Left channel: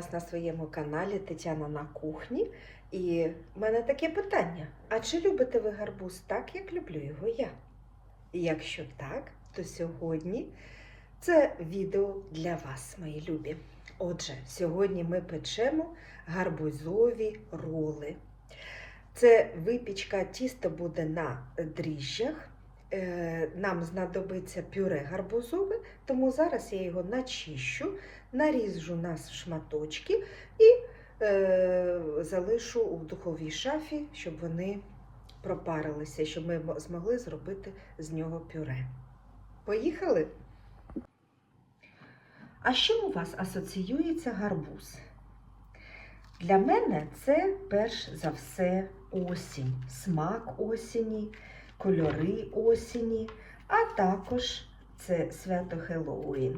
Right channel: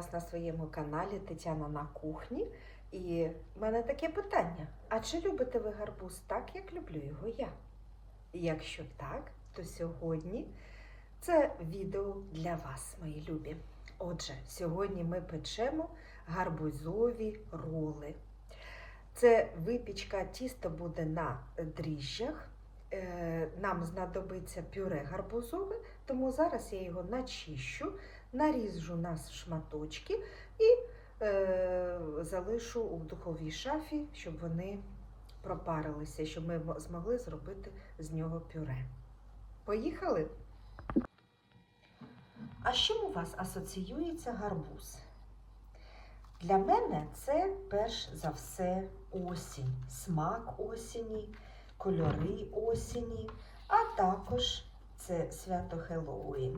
Вас на своєму каналі Тетяна на кухні. І в мене таке питання: а чи любите ви гарбуз так, як люблю його я? І якщо так, то сьогодні це відео для вас, мої любі. Отже, сьогодні ми печемо гарбузові роли. Це випічка, тісто буде на дріжджах. Е, Нам знадобиться пюре гарбузове, тому зараз я його начищу, наріжу на шматочки і е, залишу у духовій шафі, щоб вони пропарилися, щоб ми змогли зробити з нього пюре. Поїхали? А чим у вас асоціюється гарбуз? Для мене це перш за все осінь, смак осені, кольори осені, а також це свято Хеллоуін.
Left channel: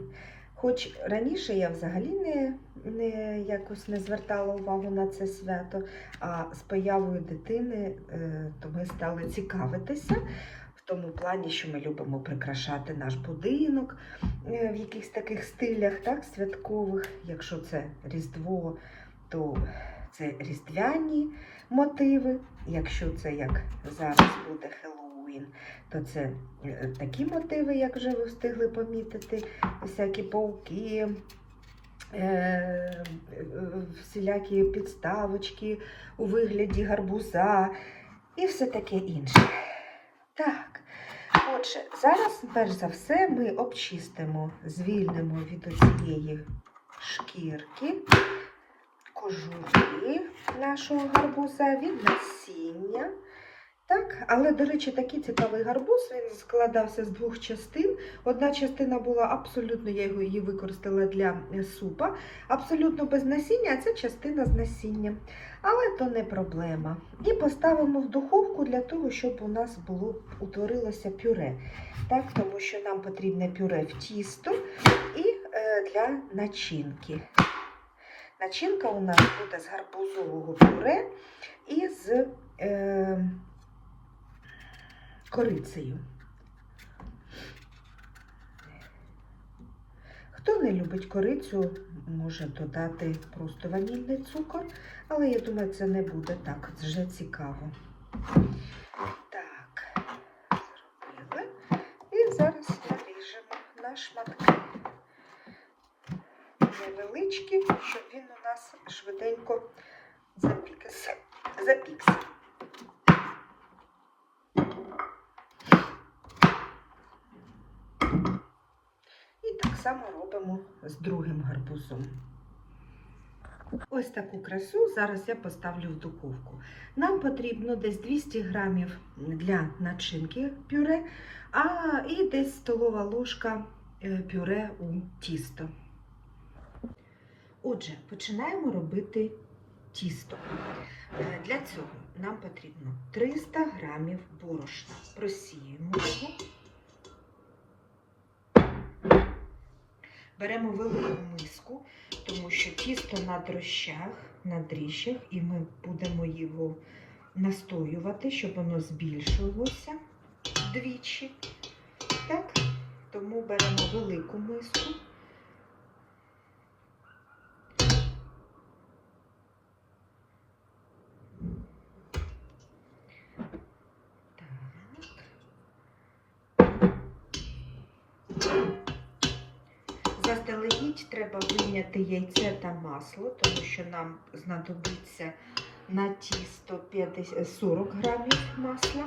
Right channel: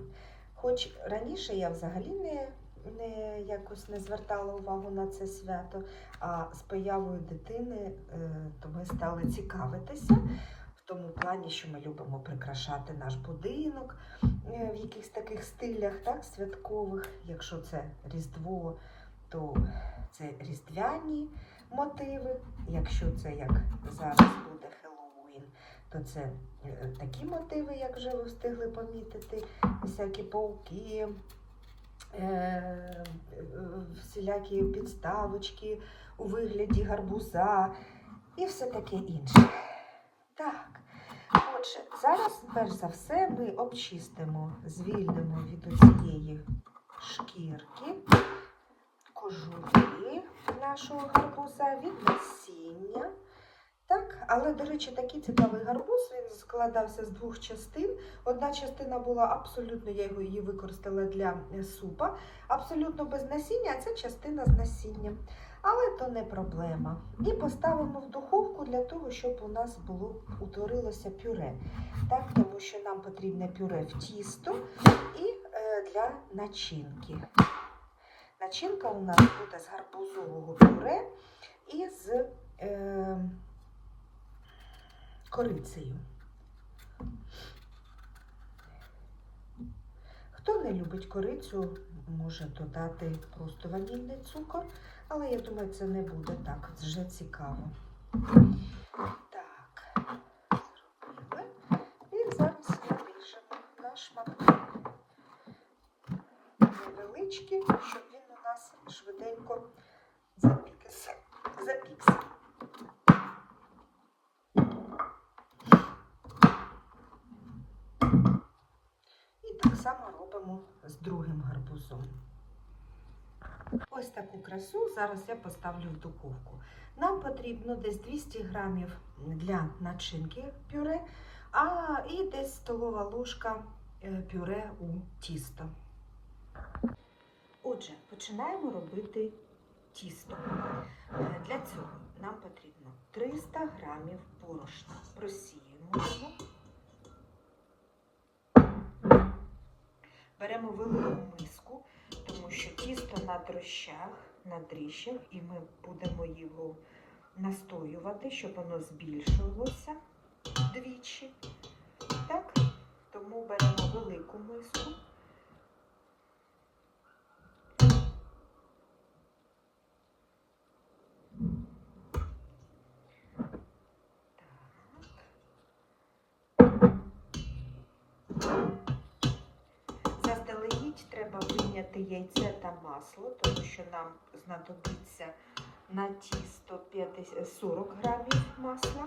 Хоч раніше я взагалі не, не якось не звертала увагу на це свято, а з появою дитини е, то ми стали цікавитися в тому плані, що ми любимо прикрашати наш будинок е, в якихось таких стилях, так, святкових. Якщо це Різдво, то це різдвяні мотиви. Якщо це як зараз буде Хеллоуін, то це е, такі мотиви, як вже ви встигли помітити, всякі пауки, е, всілякі підставочки у вигляді гарбуза і все таке інше. Так, отже, зараз, перш за все, ми обчистимо, звільнимо від оцієї шкірки кожури нашого гарбуза, від насіння. Так, але, до речі, такий цікавий гарбуз, він складався з двох частин. Одна частина була абсолютно, я його її використала для е, супа, абсолютно без насіння, а ця частина з насінням. Але то не проблема. І поставимо в духовку для того, щоб у нас було утворилося пюре. Так, тому що нам потрібне пюре в тісто і е, для начинки. Начинка у нас буде з гарбузового пюре і з е, корицею. Хто не любить корицю, може додати просто ванільний цукор, але я думаю, це не буде так вже цікаво. Так, зробили. І зараз наріжемо на шматки невеличкі, щоб він у нас швиденько запікся. І так само робимо з другим гарбузом. Ось таку красу зараз я поставлю в духовку. Нам потрібно десь 200 грамів для начинки пюре, а і десь столова ложка е, пюре у тісто. Отже, починаємо робити тісто. Е, Для цього нам потрібно 300 грамів борошна. Просіємо його. Беремо велику миску, тому що тісто на дрощах, на дріжджах, і ми будемо його настоювати, щоб воно збільшилося вдвічі. Так, тому беремо велику миску. Треба вийняти яйце та масло, тому що нам знадобиться на тісто 50 40 грамів масла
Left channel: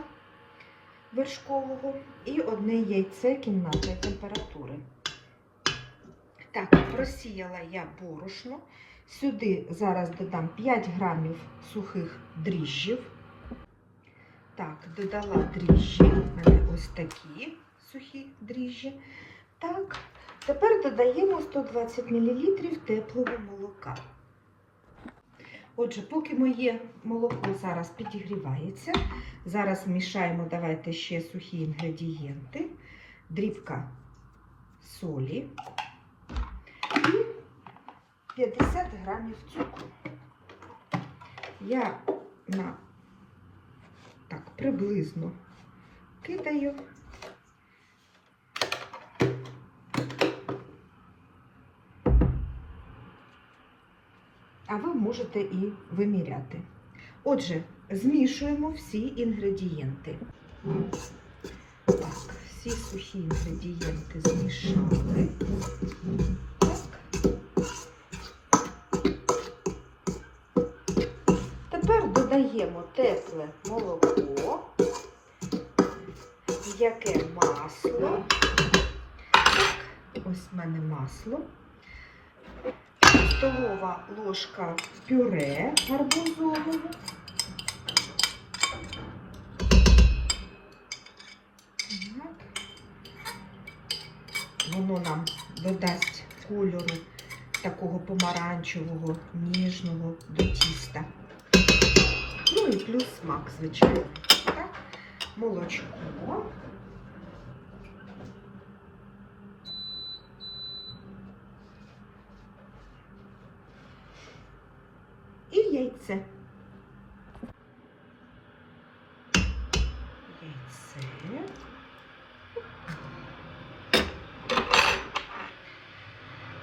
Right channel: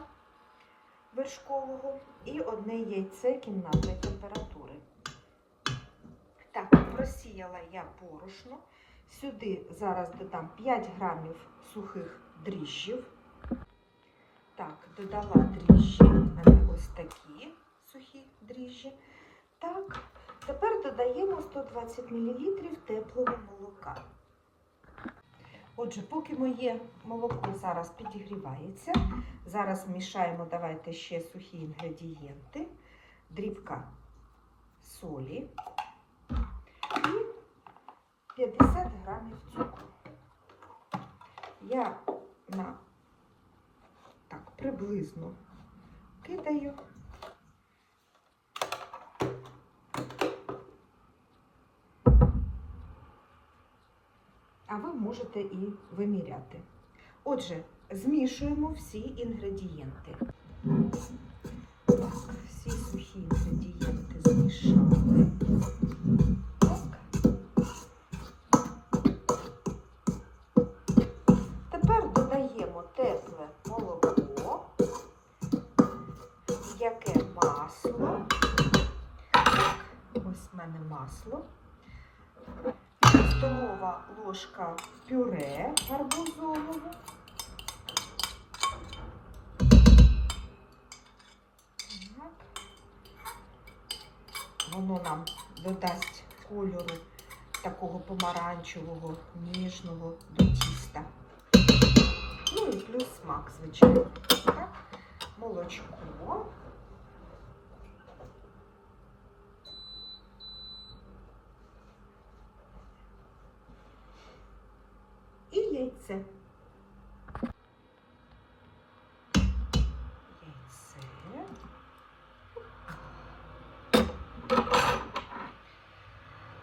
вершкового і одне яйце кімнатної температури. Так, просіяла я борошно. Сюди зараз додам 5 грамів сухих дріжджів. Так, додала дріжджі. У мене ось такі сухі дріжджі. Так, Тепер додаємо 120 мл теплого молока. Отже, поки моє молоко зараз підігрівається, зараз вмішаємо, давайте ще сухі інгредієнти, дрібка солі і 50 грамів цукру. Я на так приблизно кидаю. А ви можете і виміряти. Отже, змішуємо всі інгредієнти. Так, всі сухі інгредієнти змішали. Так. Тепер додаємо тепле молоко, м'яке масло. Так, ось в мене масло. Столова ложка пюре гарбузового. Воно нам додасть кольору такого помаранчевого, ніжного до тіста. Ну і плюс смак, звичайно. Так? Молочко. І яйце. Яйце.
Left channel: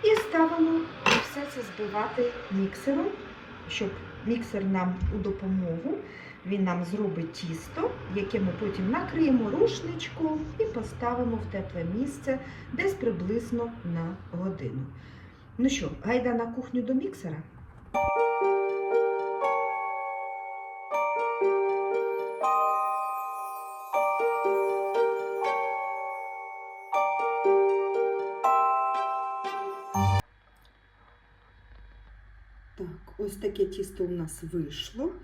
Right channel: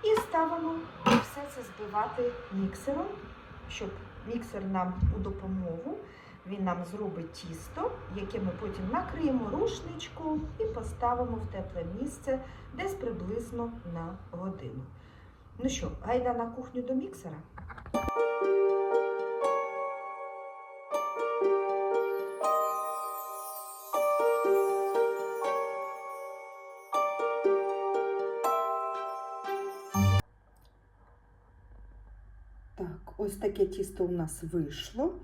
І ставимо все це збивати міксером, щоб міксер нам у допомогу. Він нам зробить тісто, яке ми потім накриємо рушничком і поставимо в тепле місце десь приблизно на годину. Ну що, гайда на кухню до міксера? Ось таке тісто у нас вийшло.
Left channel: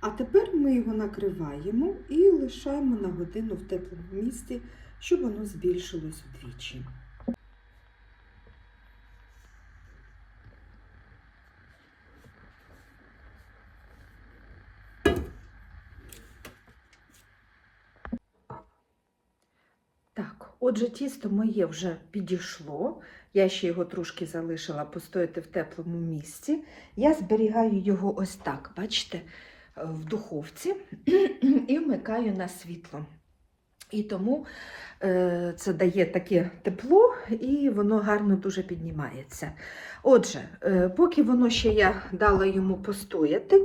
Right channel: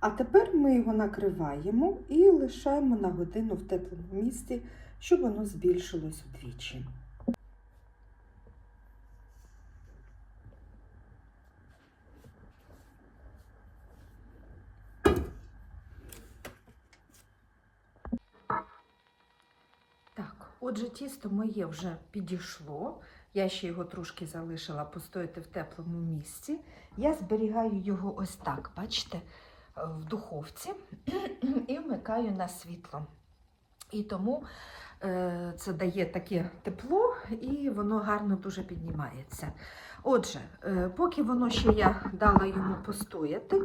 А тепер ми його накриваємо і лишаємо на годину в теплому місці, щоб воно збільшилось вдвічі. Так, отже, тісто моє вже підійшло. Я ще його трошки залишила постояти в теплому місці. Я зберігаю його ось так, бачите, в духовці і вмикаю на світло. І тому це дає таке тепло і воно гарно дуже піднімається. Отже, е, поки воно ще я дала йому постояти,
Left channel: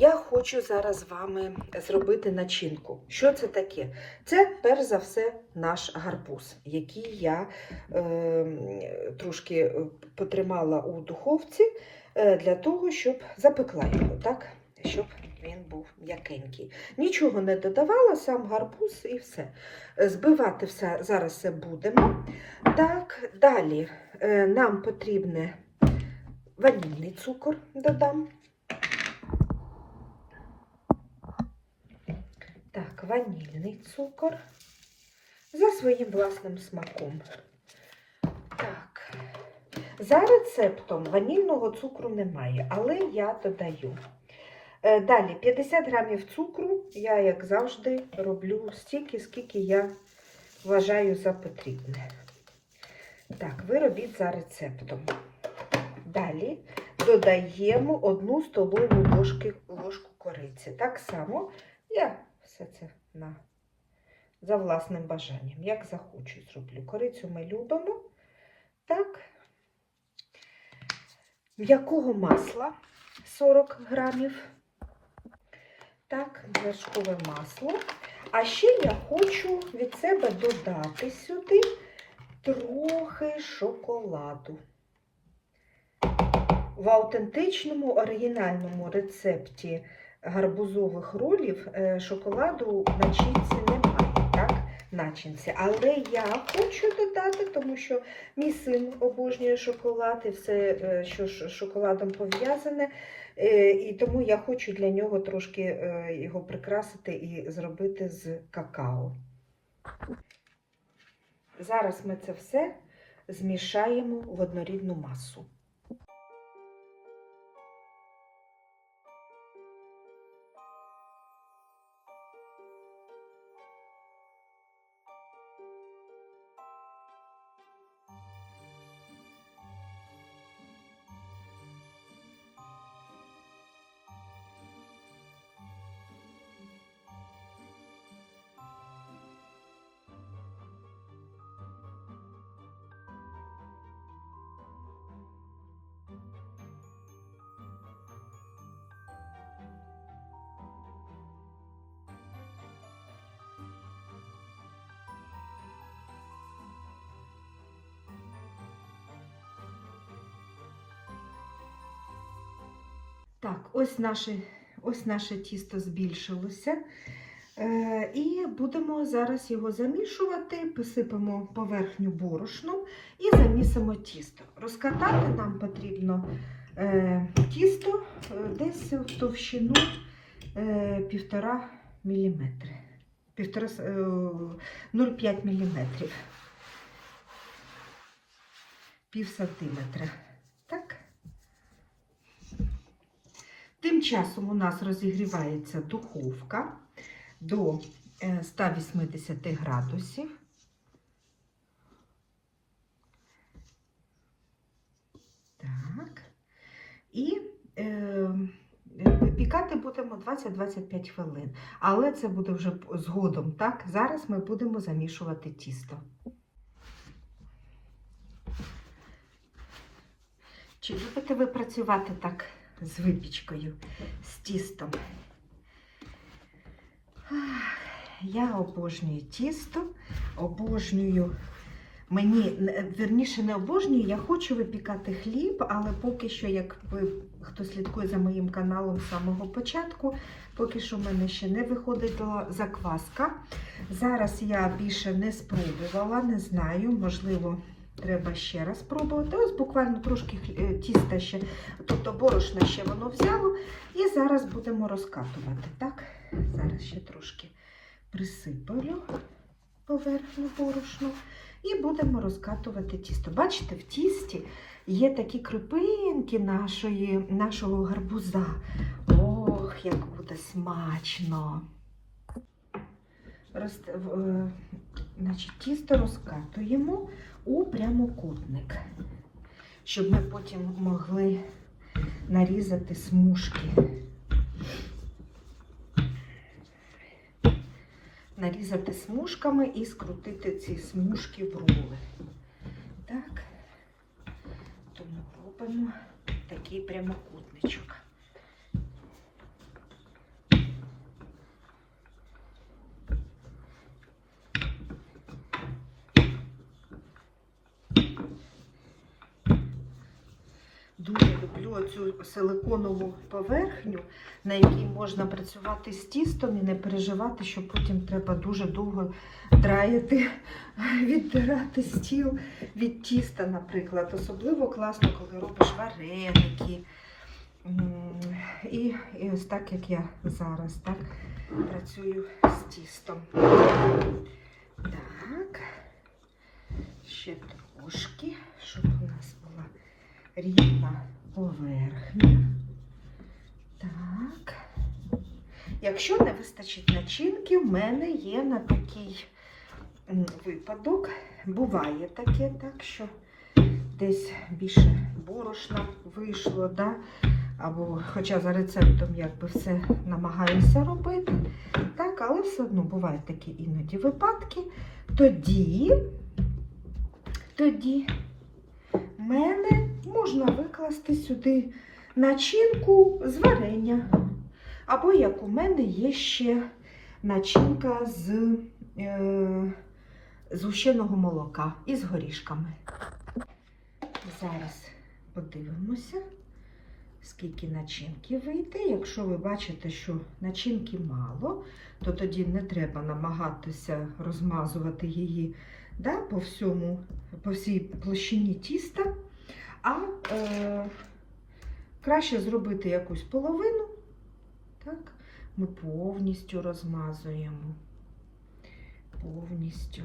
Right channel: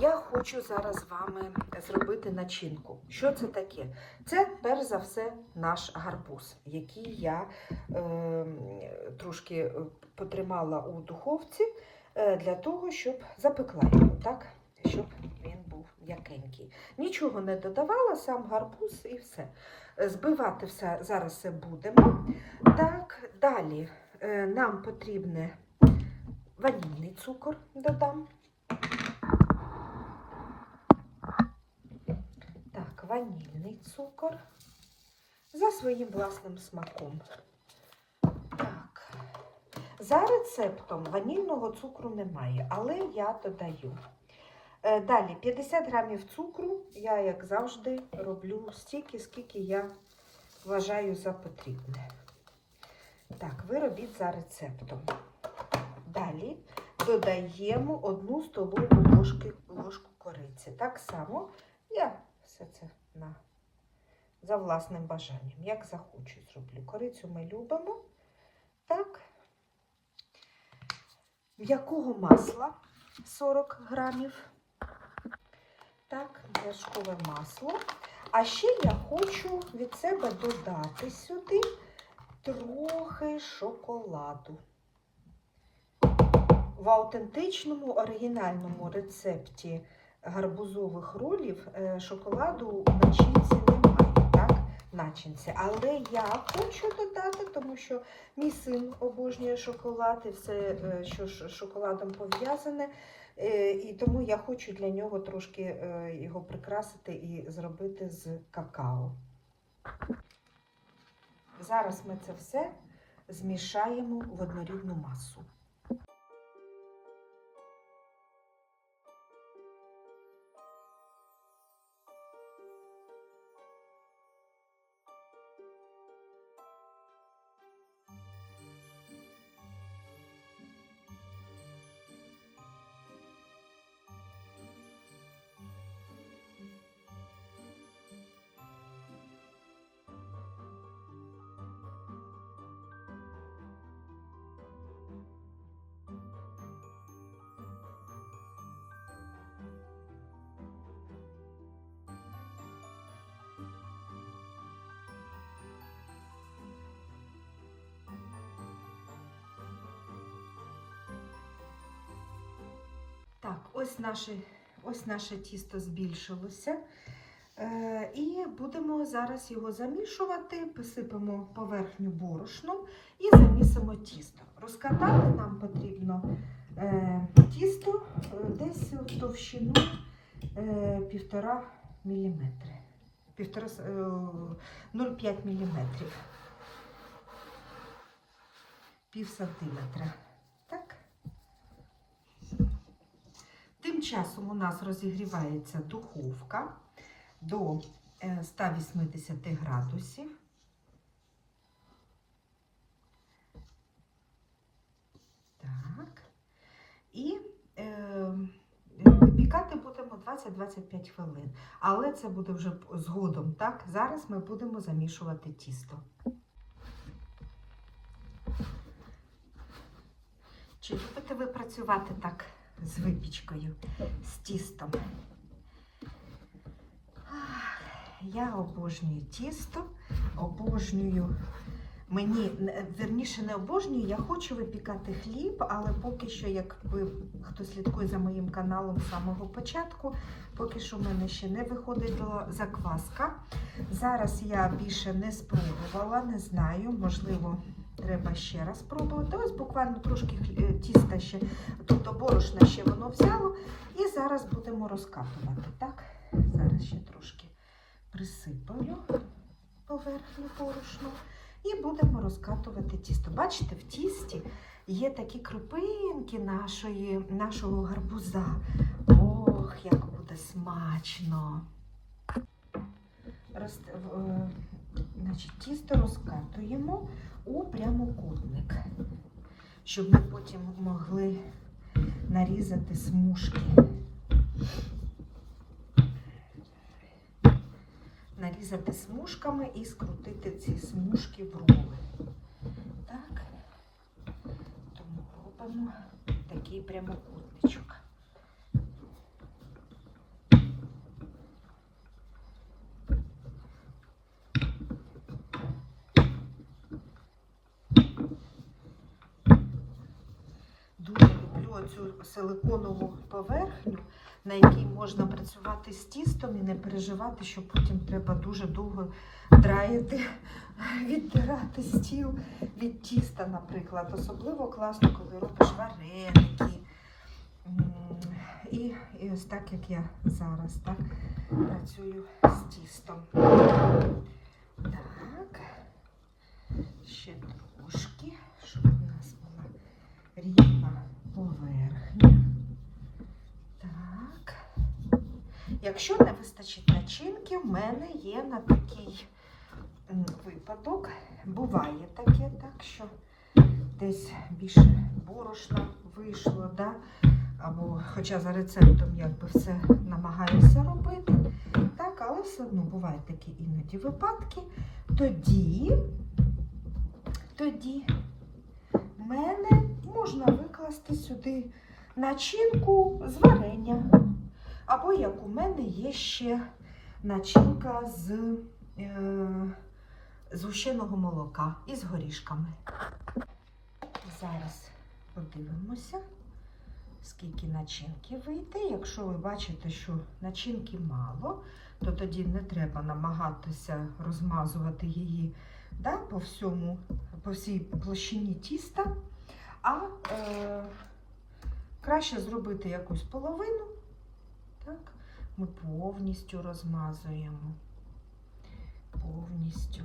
я хочу зараз з вами зробити начинку. Що це таке? Це перш за все наш гарбуз, який я е, трошки потримала у духовці е, для того, щоб запекла його, так? Щоб він був м'якенький. Нічого не додавала, сам гарбуз і все. Збивати все зараз все будемо. Так, далі е, нам потрібне ванільний цукор додам. Так, ванільний цукор за своїм власним смаком. Так, за рецептом ванільного цукру немає, але я додаю. Е, Далі 50 грамів цукру. Я, як завжди, роблю стільки, скільки я вважаю за потрібне. Так, ви робіть за рецептом. Далі додаємо 1 столову ложки, ложку кориці. Так само я все це на, за власним бажанням, як захочу, зроблю. Корицю ми любимо. Так. М'якого масла 40 грамів. Так, вершкове масло. А ще я хочу від себе додати сюди трохи шоколаду. В аутентичному оригінальному рецепті гарбузових ролів е, шоколаду начинці? Начинці. Але я хочу додати, тому що мій син обожнює шоколад і все, е, що з шоколадом пов'язане. Е, І тому я хочу для нього трошки е, його прикрасити і зробити з какао. Зараз ми це все змішаємо в однорідну масу. Так, ось наше, ось наше тісто збільшилося. Е, і будемо зараз його замішувати, посипемо поверхню борошном і замісимо тісто. Розкатати нам потрібно е, тісто е, десь в товщину е, півтора міліметри. Півтора, с- е, 0,5 міліметрів. Пів сантиметра. Так. Тим часом у нас розігрівається духовка до е, 180 градусів. Так. І е, випікати будемо 20-25 хвилин. Але це буде вже згодом. Так? Зараз ми будемо замішувати тісто. Чи любите ви працювати так з випічкою, з тістом? Я обожнюю тісто, обожнюю. Мені вірніше не обожнюю, я хочу випікати хліб, але поки що, як хто слідкує за моїм каналом з самого початку, поки що в мене ще не виходила закваска. Зараз я більше не спробувала, не знаю, можливо, треба ще раз спробувати. Ось буквально трошки е, тіста ще, тобто борошна ще воно взяло. І зараз будемо розкатувати. Так? Зараз ще трошки присиплю поверхню борошну і будемо розкатувати тісто. Бачите, в тісті є такі крупинки нашої, нашого гарбуза. Ох, як буде смачно! Роз, е, значить, тісто розкатуємо у прямокутник, щоб ми потім могли нарізати смужки. Нарізати смужками і скрутити ці смужки в рули. Так. Тому робимо такий прямокутничок. Дуже люблю цю силиконову поверхню, на якій можна працювати з тістом і не переживати, що потім треба дуже довго драяти, віддирати стіл від тіста, наприклад. Особливо класно, коли робиш вареники. І, і ось так, як я зараз так, працюю з тістом. Так, ще трошки, щоб у нас була рівна поверхня. Якщо не вистачить начинки, в мене є на такий випадок. Буває таке, так що десь більше борошна вийшло, да? або хоча за рецептом якби все намагаюся робити. Так, але все одно бувають такі іноді випадки. Тоді, тоді мене можна викласти сюди начинку з варення. Або як у мене є ще начинка з е, згущеного молока із горішками. Зараз подивимося, скільки начинки вийде. Якщо ви бачите, що начинки мало, то тоді не треба намагатися розмазувати її да, по, всьому, по всій площині тіста, а е, краще зробити якусь половину. Так, ми повністю розмазуємо. Повністю.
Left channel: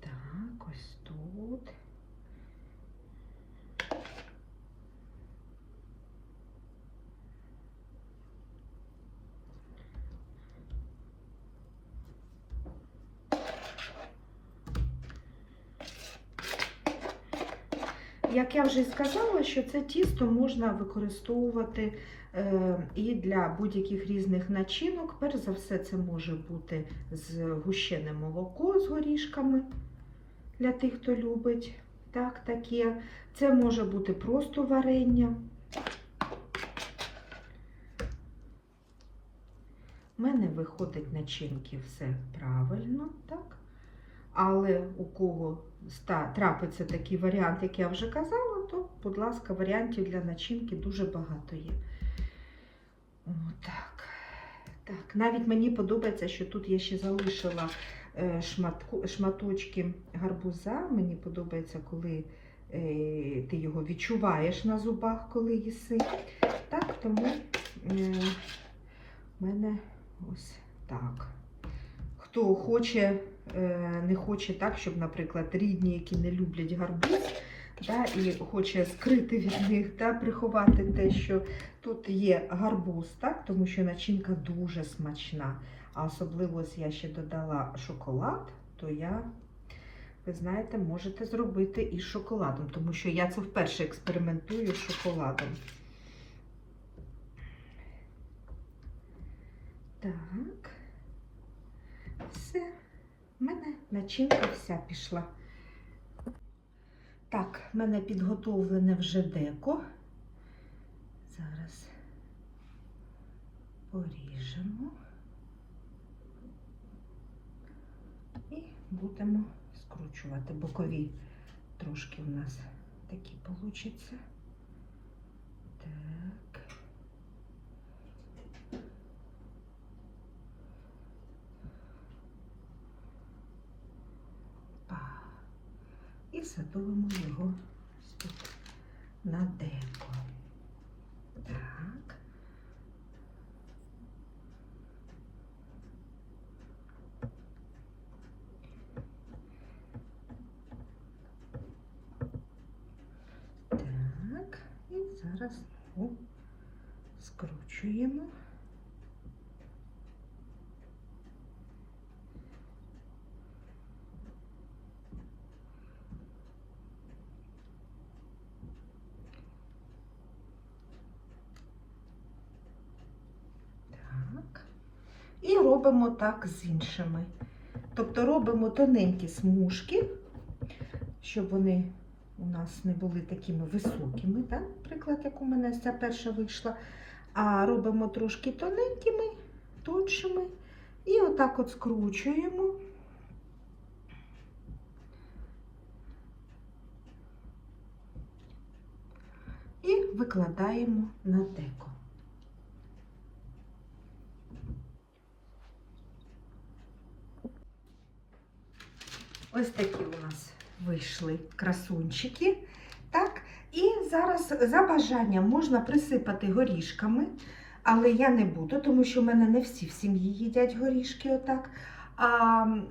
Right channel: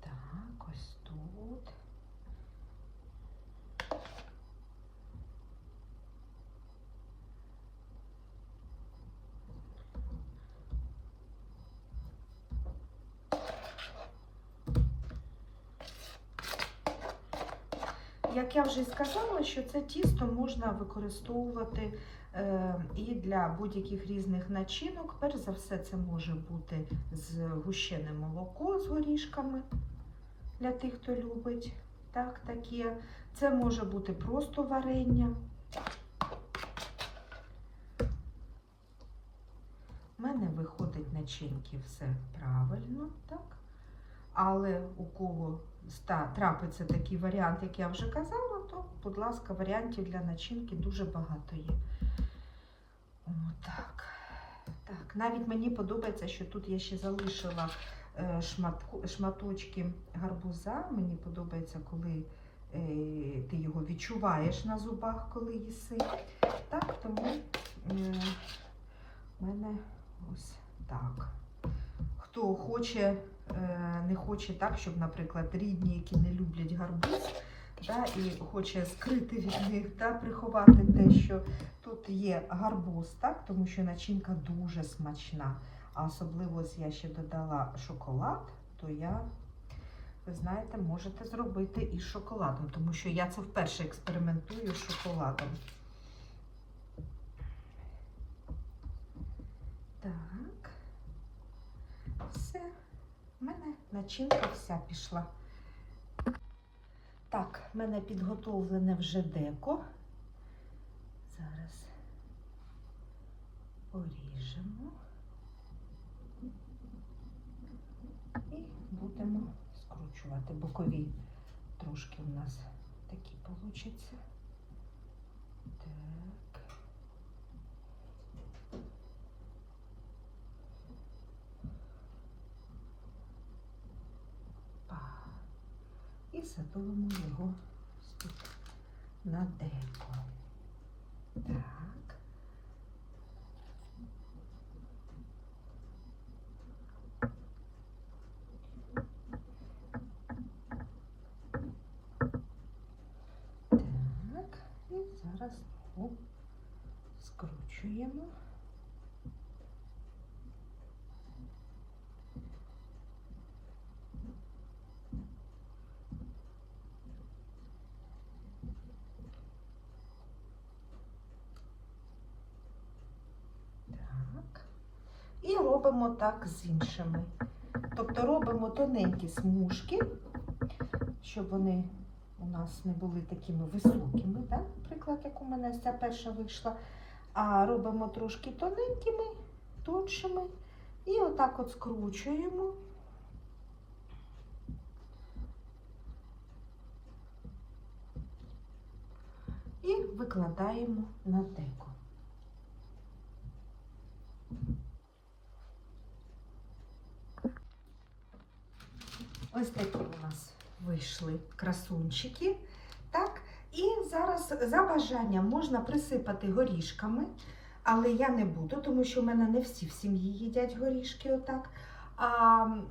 Так, ось тут. Як я вже сказала, що це тісто можна використовувати е, і для будь-яких різних начинок. Перш за все, це може бути згущене молоко з горішками для тих, хто любить. Так, таке. Це може бути просто варення. У мене виходить начинки все правильно, так? Але у кого трапиться такий варіант, як я вже казала, то, будь ласка, варіантів для начинки дуже багато є. Отак. Так, навіть мені подобається, що тут я ще залишила е, шматку, шматочки гарбуза. Мені подобається, коли е, ти його відчуваєш на зубах, коли їси. Так, тому е, в мене ось так. Хто хоче, не хоче так, щоб, наприклад, рідні, які не люблять гарбуз, да, і хоче скрити від них, да, приховати те, що тут є гарбуз, так, тому що начинка дуже смачна. А особливо ось я ще додала шоколад, то я, ви знаєте, можете зробити із шоколадом, тому що я це вперше експериментую з шоколадом. Так. Все. В мене начинка вся пішла. Так, мене підготовлене вже деко. Зараз поріжемо і будемо скручувати. Бокові трошки у нас такі получаться. Так. Па. І його на деко. Так, і зараз знову скручуємо. Так. І робимо так з іншими. Тобто робимо тоненькі смужки, щоб вони у нас не були такими високими, так? наприклад, як у мене ця перша вийшла. А робимо трошки тоненькими, тоншими. І отак от скручуємо. І викладаємо на деко. Ось такі у нас вийшли красунчики. Так, і зараз за бажанням можна присипати горішками, але я не буду, тому що в мене не всі в сім'ї їдять горішки отак. А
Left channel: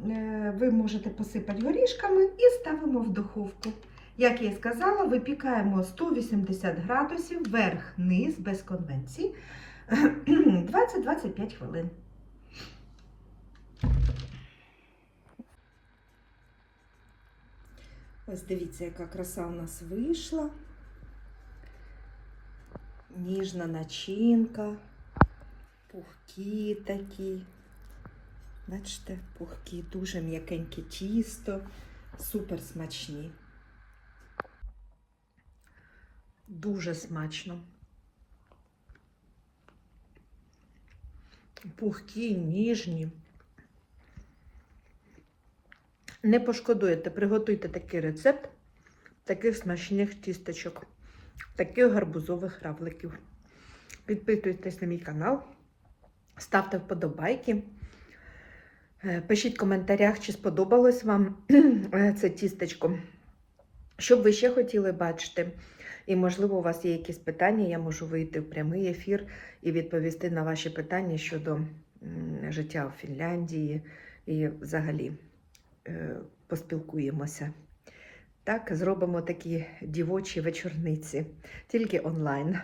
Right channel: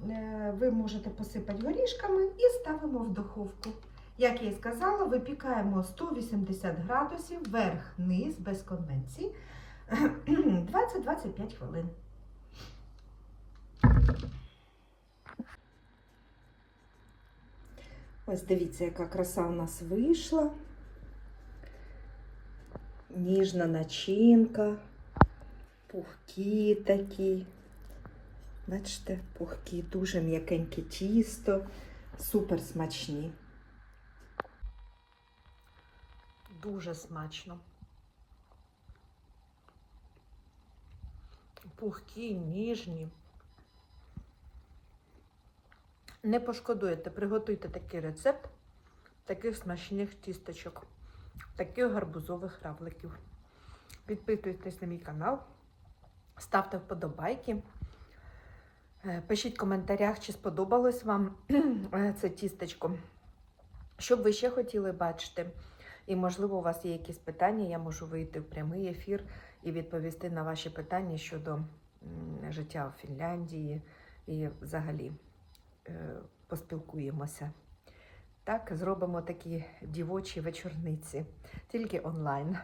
е, ви можете посипати горішками і ставимо в духовку. Як я і сказала, випікаємо 180 градусів, верх-низ, без конвенції, 20-25 хвилин. Ось дивіться, яка краса у нас вийшла. Ніжна начинка, пухкі такі. Бачите, пухкі, дуже м'якеньке тісто, супер смачні. Дуже смачно. Пухкі, ніжні. Не пошкодуєте, приготуйте такий рецепт таких смачних тісточок, таких гарбузових равликів. Підписуйтесь на мій канал, ставте вподобайки. Е, Пишіть в коментарях, чи сподобалось вам е, це тістечко. Що б ви ще хотіли бачити? І, можливо, у вас є якісь питання, я можу вийти в прямий ефір і відповісти на ваші питання щодо життя у Фінляндії і взагалі поспілкуємося. Так, зробимо такі дівочі вечорниці, тільки онлайн.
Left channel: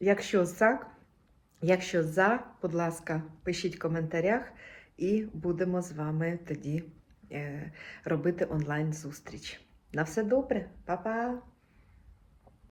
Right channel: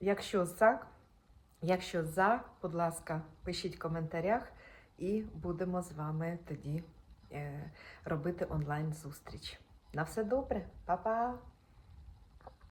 Якщо за, якщо за, будь ласка, пишіть в коментарях і будемо з вами тоді е, робити онлайн зустріч. На все добре, Па-па!